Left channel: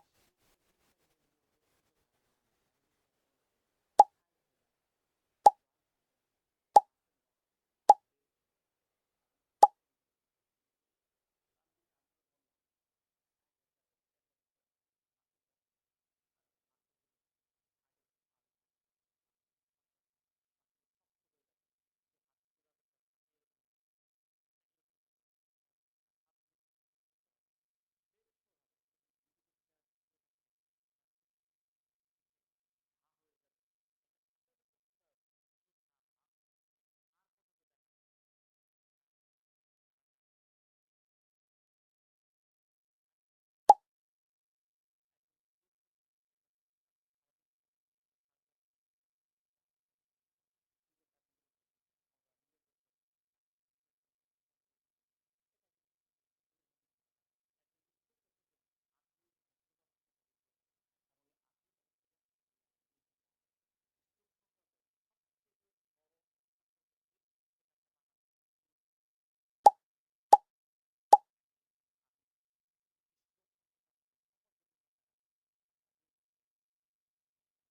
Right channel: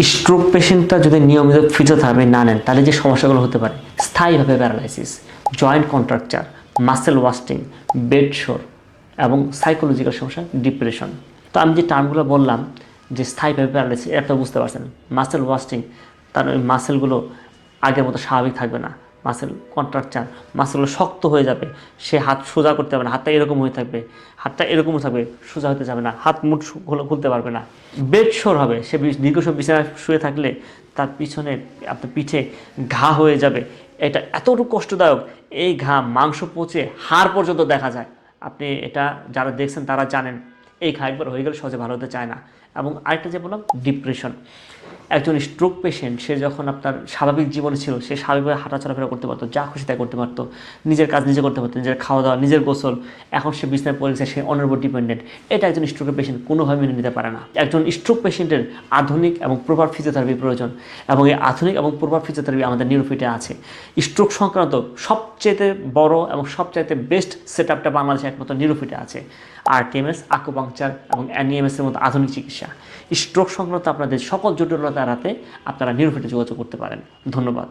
Stroke পেশেন্টটা যদি নিয়মিত physiotherapy না নেন তাহলে যে সমস্যাগুলো হতে পারে স্থায়ীভাবে paralysis, joint contracture, muscle wasting, bed শোর এবং সাইকোলজিক্যাল সমস্যা, ডিপ্রেশন। তো আমি যে টার্মগুলো বললাম যে স্থায়ীভাবে প্যারালাইসিস, এটা বুঝতে পারছেন। মাসেল ওয়াস্টিং, তার ওই মাসেলগুলো আগের মতো স্বাভাবিক থাকবে না। মাসেল কন্ট্রাকচার, মাসেলগুলো শক্ত হয়ে যাবে, সে হাত সোজা করতে পারবে না, হাতটা এরকম হয়ে থাকবে, হাতটা এরকম থাকবে, সোজা হতে যাবে না, হাত মুঠ খুলতে পারবে না। বেড শোর হবে, সে দীর্ঘ সময় বিছানায় শুয়ে থাকলে তার পিছনে আপনার পিঠে ঘা হয়ে যাবে। এটা এতটুকু কষ্টদায়ক, এই ঘা মাংস পচে হাড় পর্যন্ত দেখা যায়। আপনি এটা যারা দেখছেন তারা জানেন, এই ঘা একবার হয়ে গেলে সহজে ভালো হতে চায় না। এবং আরেকটা যে বললাম ডিপ্রেশন, একজন স্ট্রোক পেশেন্ট সে যখন আপনার স্বাভাবিক জীবনে ছিল, সে স্বাভাবিকভাবে হাঁটা চলাফেরা করতে পারতো, যা খুশি তাই করতে পারতো, নিজের কাজ নিজে করতে পারতো, নিজের খাওয়া দাওয়া, নিজের গোসল। এখন সে বিছনায় পড়ে গেছে, সে অন্যের উপর ডিপেন্ডেন্ট। এটা একজন স্ট্রোকের পেশেন্ট কোনোভাবে মেনে নিতে পারে না। একজন স্ট্রোক পেশেন্টের আধুনিক এবং প্রপার ফিজিওথেরাপি প্রয়োজন, এবং এই আধুনিক এবং প্রপার ফিজিওথেরাপি আমাদের নিউরোফিটে আছে। স্ট্রোক সংক্রান্ত সবচেয়ে বড় এবং সবচাইতে বেস্ট সেট আপটা বাংলাদেশে একমাত্র নিউরোফিটে আছে। আরটিএমএস, আকুপাংচার এবং অ্যানিএমএস এর মতো আধুনিক চিকিৎসা। স্ট্রোক সংক্রান্ত আপনাদের সকল জটিলতা এড়াতে আপনারা নিউরোফিটে যোগাযোগ করতে পারেন। ধন্যবাদ।